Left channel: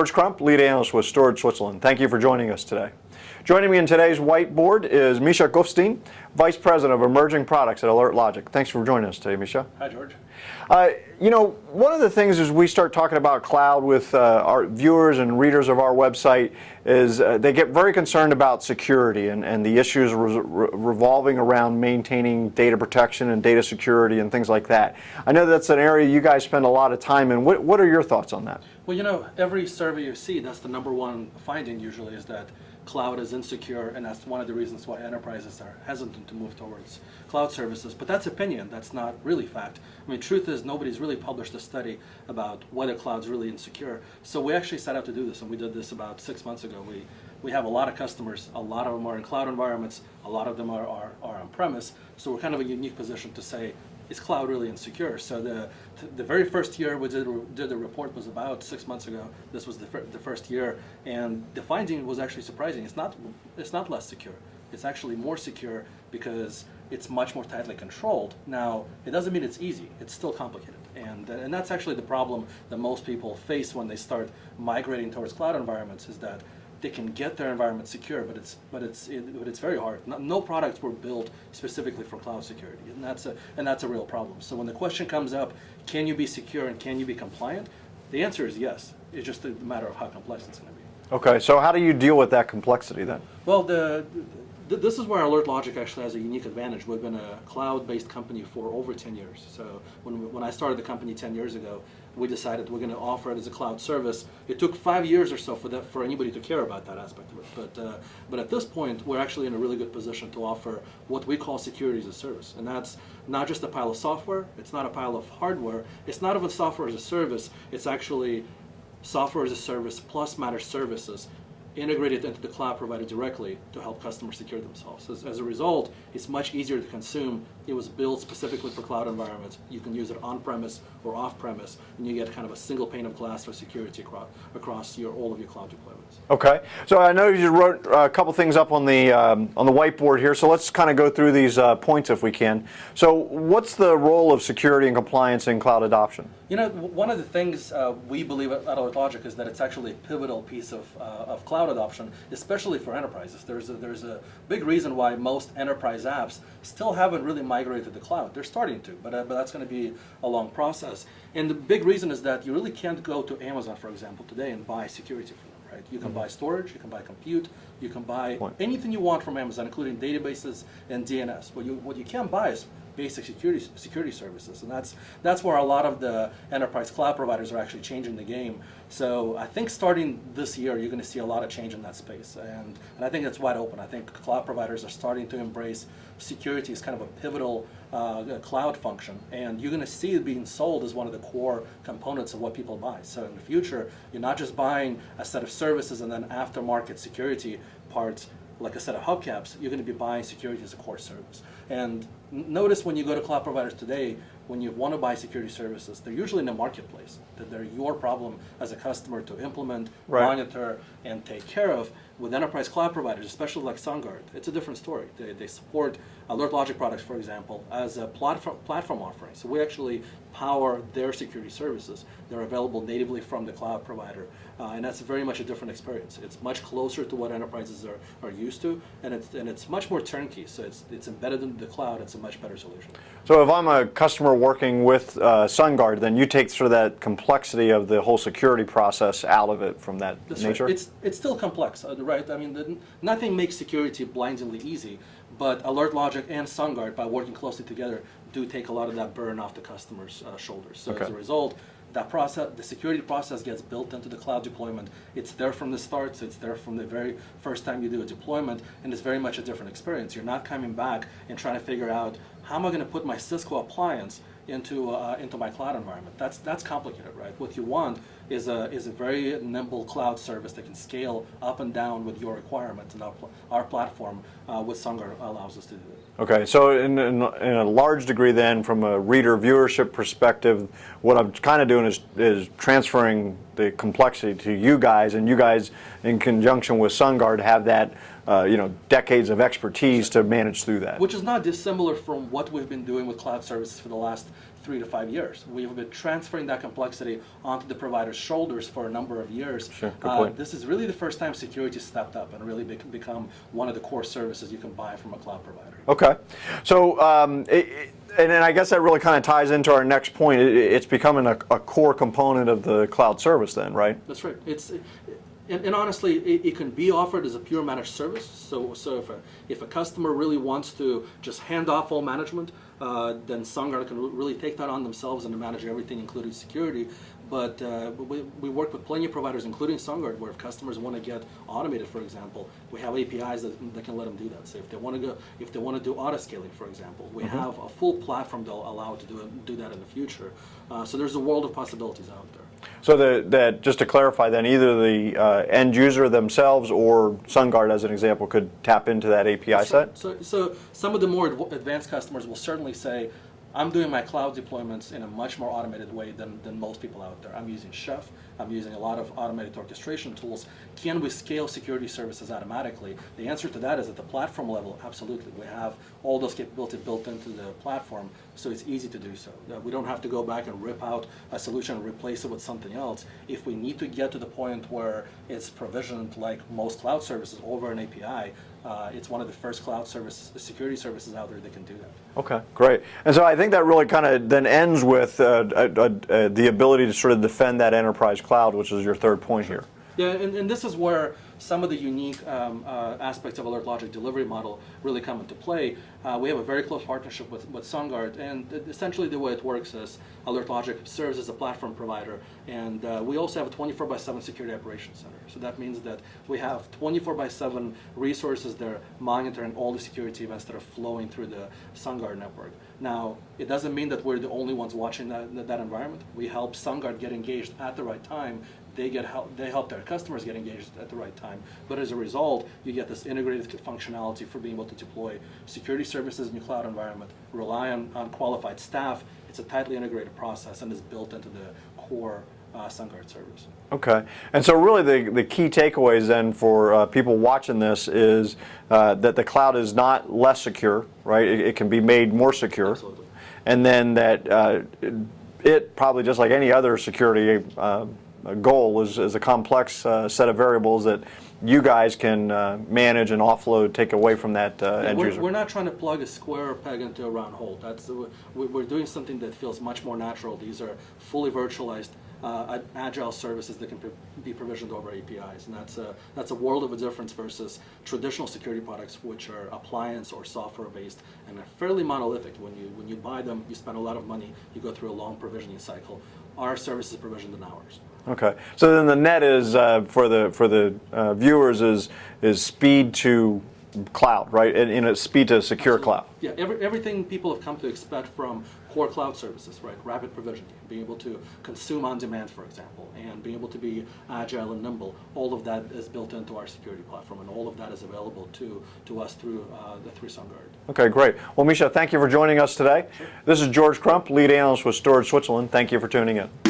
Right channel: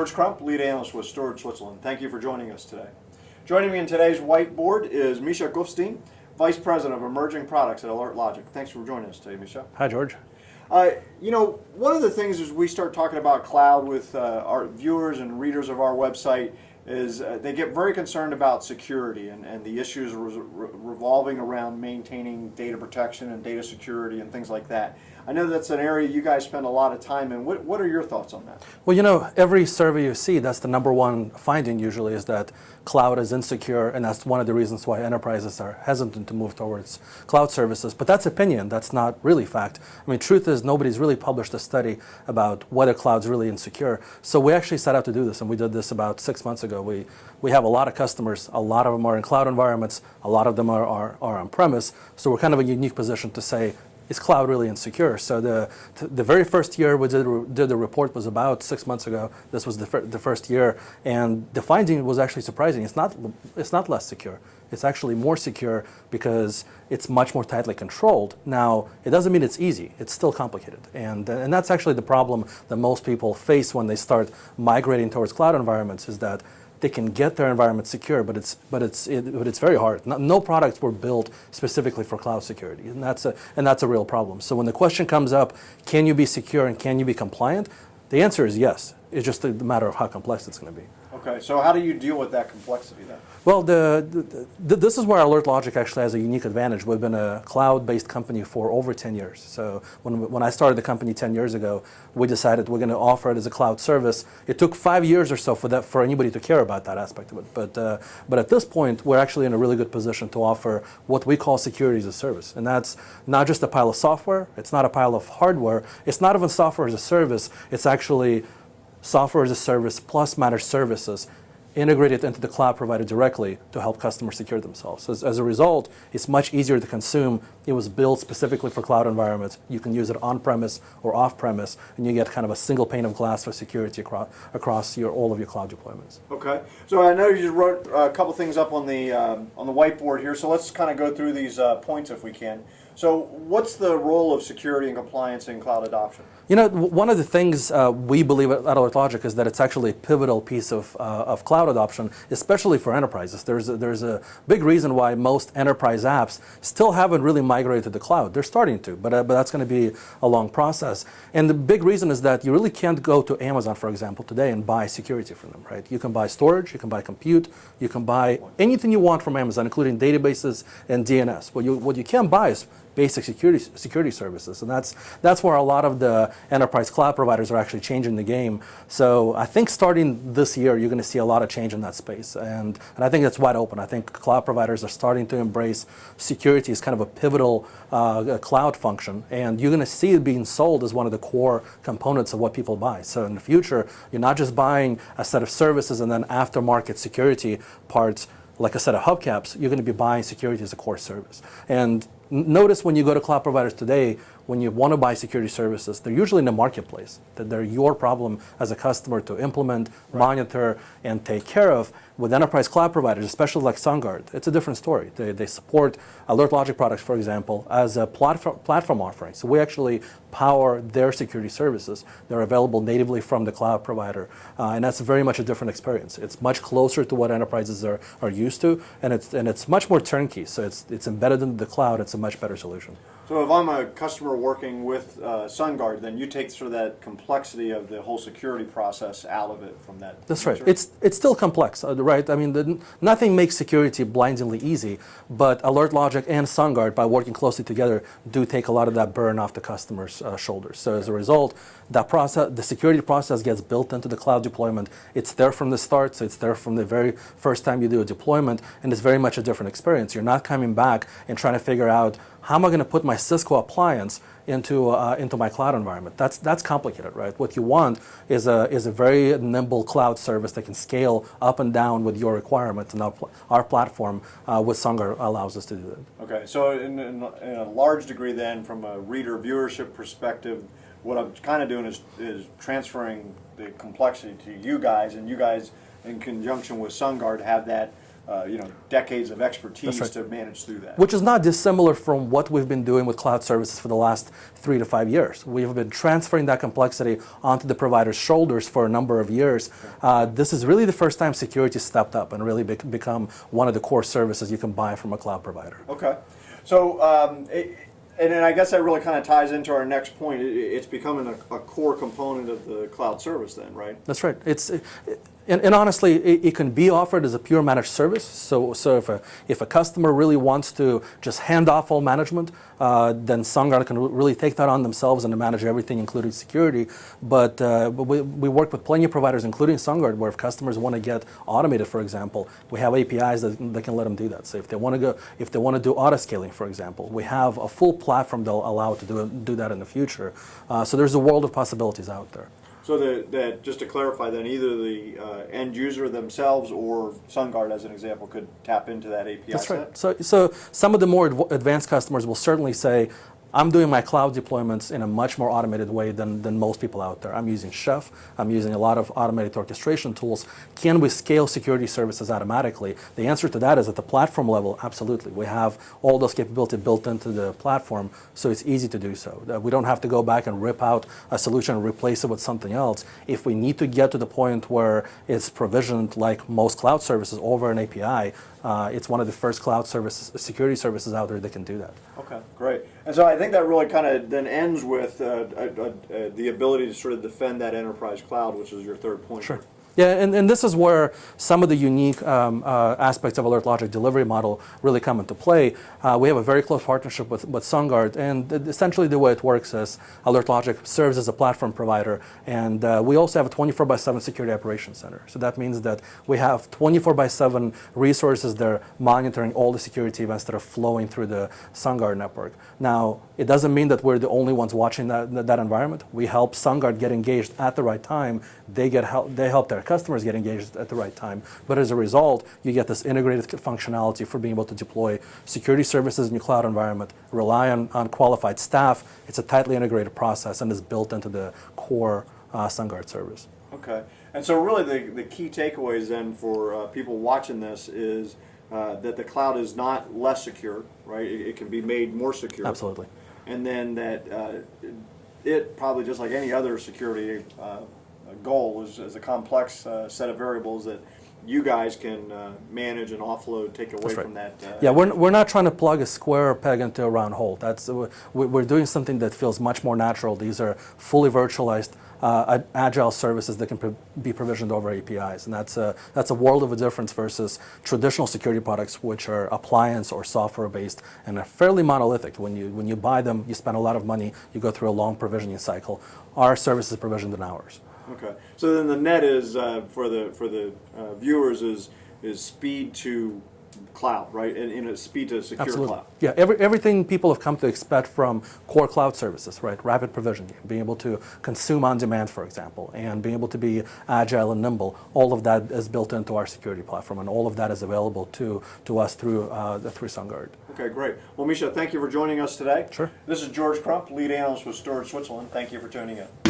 George Crump, lead analyst with Storage Switzerland. Thank you for joining us today. Joining me in today's whiteboard is Misha Govshteyn, Vice President of Emerging Products at AlertLogic. Thanks for joining us today, Misha. Hi, George. One of the things as we start talking about cloud with our viewers and readers of our website is they get very concerned about security and the issues revolving around maintaining data protection and data security and things like that. I know that's an area you guys spend a lot of time in. What are your thoughts on that? Well, every survey you see, that's the number one finding usually is that cloud is insecure, and that's one of the reasons why enterprises are hesitant to move towards cloud services. But that's opinion, that's not really fact. I mean, truth is nobody's really published a study about whether cloud's really insecure. So we actually set out to do this, and we did this about 6 months ago. We have a lot of customers, a lot of them are in cloud environments, a lot of them are on-premise, so we're kind of a unique position to say, is cloud really insecure? So the very first year we did the report was about 6 months ago. This was the first year, and the finding was actually surprising. It's not less secure. It's actually more secure because it's much more tightly controlled. Now, it doesn't mean it's easy. It's still complicated, and that's actually the problem that most people face when they start migrating towards cloud environments is that they can get their environment secure, but it's very hard. No products were built specifically for cloud security, and that's a real problem. So when the question comes up, can you be secure and can you be compliant? The answer is yes. It's just a matter of how complex it's going to be. Okay, so how do you deal with that complexity then? Well, this is where AlertLogic actually has a unique advantage. We've been a cloud-based company for over 10 years. So when I started the company 10 years ago, we decided we're going to offer it as a cloud service. It took 5 years or so for anybody to care about that aspect of it. But at this point, we're actually in a really good position to offer what we call security as a service. And that's not just a pile of software. It's not a pile of hardware. It's not even software as a service. It's actually software as a service plus managed services integrated into the cloud provider directly to help customers secure themselves. As a result, it's much easier to consume. It was built specifically for cloud environments. You can use it on-premise or off-premise, and you get kind of a single pane of glass for security across all of your cloud deployments. Okay, so I know you wrote a couple things up on the whiteboard here, so let's kind of go through these points if we can. So what's the role of security and compliance in cloud adoption? One of the things we believe at AlertLogic is that it's actually a pivotal piece of cloud adoption, especially for enterprises. There's a big reason why most enterprise apps still haven't really migrated to the cloud. They're starting to, but that's going to be a long process. And the big reason is that you really can't go to Amazon, for example, today and buy security from them, right? You can buy storage, you can buy compute, you can buy anything you want from Amazon, including databases and DNS. What you can't buy is basic security services, and that's where a lot of the enterprise cloud providers are actually changing the game. So I think starting this year, you're going to see a lot of change in that space, and I think it's wide open. I think cloud providers are starting to embrace security as kind of a pivotal cloud function, and you're going to see it being sold as one of the core components of what people buy. So in the future, you're not just buying a set of services and then aftermarket security parts like a set of hubcaps. You're going to be buying security as a core service. And notice when you go to cloud providers today, when you want to buy security services, they're usually in the marketplace, that they're your problem as a customer to implement, monitor, and take care of. With enterprise cloud providers, especially like Sungard, it's a different story. They support AlertLogic products, for example, as a platform offering. So we actually power their security services. They're available natively from the cloud provider, and that's very much a different experience. It's much closer to what enterprises are used to, and it's much more turnkey. So it's embedded into the cloud. It's a much better solution. So if I'm a customer working with Sungard, then you take sort of that complexity of the whole security process out of it from that nature? Right. It's still complex, right? I mean, nothing makes security blindingly easy, but AlertLogic and Sungard, by working closely together, do take a lot of that burden off the customer's shoulders. So as a result, the security process gets built into the cloud deployment. It's there from the start, so it's there from the very first time you do a deployment, and it's very much a different experience. You're not coming back and trying to figure out, how am I going to put my Cisco appliance into my cloud environment? That's complicated, right? What you want is a very nimble cloud service that can scale up and down with your requirements, and our platform with Sungard allows us to do that. Okay, so in a large degree then, from a reader viewership perspective, what I'm kind of doing is transferring the complexity to you guys, and you guys in conjunction with Sungard have that decades of expertise to manage through that. Which is not dissimilar from what we've been doing with cloud services for the last 3 to 5 years. We've been transferring that complexity onto the provider's shoulders for a number of years. Sure, this is really the first time security stepped up and really become one of the core services you can buy from a cloud provider. Okay. So, and I guess that really kind of ties into our next point. It's becoming a core component of the cloud service then, right? That's right. And honestly, it can be offered as a pure managed service. So if a customer really wants to just hand off all management, then Sungard can really take that on themselves and to manage everything, including security. But we work with plenty of providers, including Sungard, where if customers want to get automated, for example, we have APIs that can let them do that. So if they want to do auto scaling, for example, we have a full platform that'll allow it to do that in the future. So there's a world of possibilities out there. So that just to clarify, then either the end user themselves or Sungard, as an example, could tap into that API That's set. right. So some of the more advanced customers will certainly say, I'm doing my cloud deployments in a much more automated way than most people out there. I'm using Chef. I'm using a lot of automated orchestration tools. Can we scale security services automatically? The answer to that is at the platform level, absolutely. We have all those capabilities built into the platform, so it's easy to do so. We don't have to go back and rip out a solution and replace it with something else. If we need to get to the point where it's provisioned like most cloud services over an API, it's one of the first cloud security services out there that can do that. Okay, great. And so I think that really kind of then ends with the ability to sort of defend that enterprise cloud, which is your third point here. Yeah, and this is where some of the unique aspects of AlertLogic delivery model really come into play. We have a very close partnership with Sungard, and essentially the way it works is AlertLogic serves as a platform provider, and we also have a 24/7 security operations center. So that means that we have 24/7 resources that are monitoring all the security events that are flowing through the Sungard network. Now, it doesn't mean that we're the only ones watching that environment. We help Sungard get engaged at the right time. They help their customers get engaged at the right time. But as a result, you get this integrated functionality for being able to deploy security services in your cloud environment, rely on qualified staff. It's a tightly integrated process and is built into the core Sungard service. Okay. And so really the key takeaways then for people watching this is that the cloud is not less secure, right? It can be made more secure. Absolutely. And then that it probably just like any other security goal is a complex set of variables that you guys can manage and offload, take away from that. Yeah, we're not trying to plug a square peg into a round hole. We're doing something that feels much more natural. These are fully virtualized, agile services that can be provisioned over APIs, and that's a world of a difference versus traditional security products, which are appliance or software based and are fairly monolithic. When you buy them, you spend a lot of money. You go through a long provisioning cycle. Our service is provisioned in hours. Okay, so then the net is for the viewers is speed to cloud, right? And speed to secure Absolutely. cloud. Yeah, everything people have come to expect from core cloud services, right? Rapid provisioning, being able to consume on demand, for example, and being able to be agile and nimble. All of that is built into our security platform, and all of that is available to us through Sungard. Okay, great. Well, Misha, thank you for joining us today. Sure. This is George Crump, lead analyst with Storage Switzerland. Thank you for tuning in.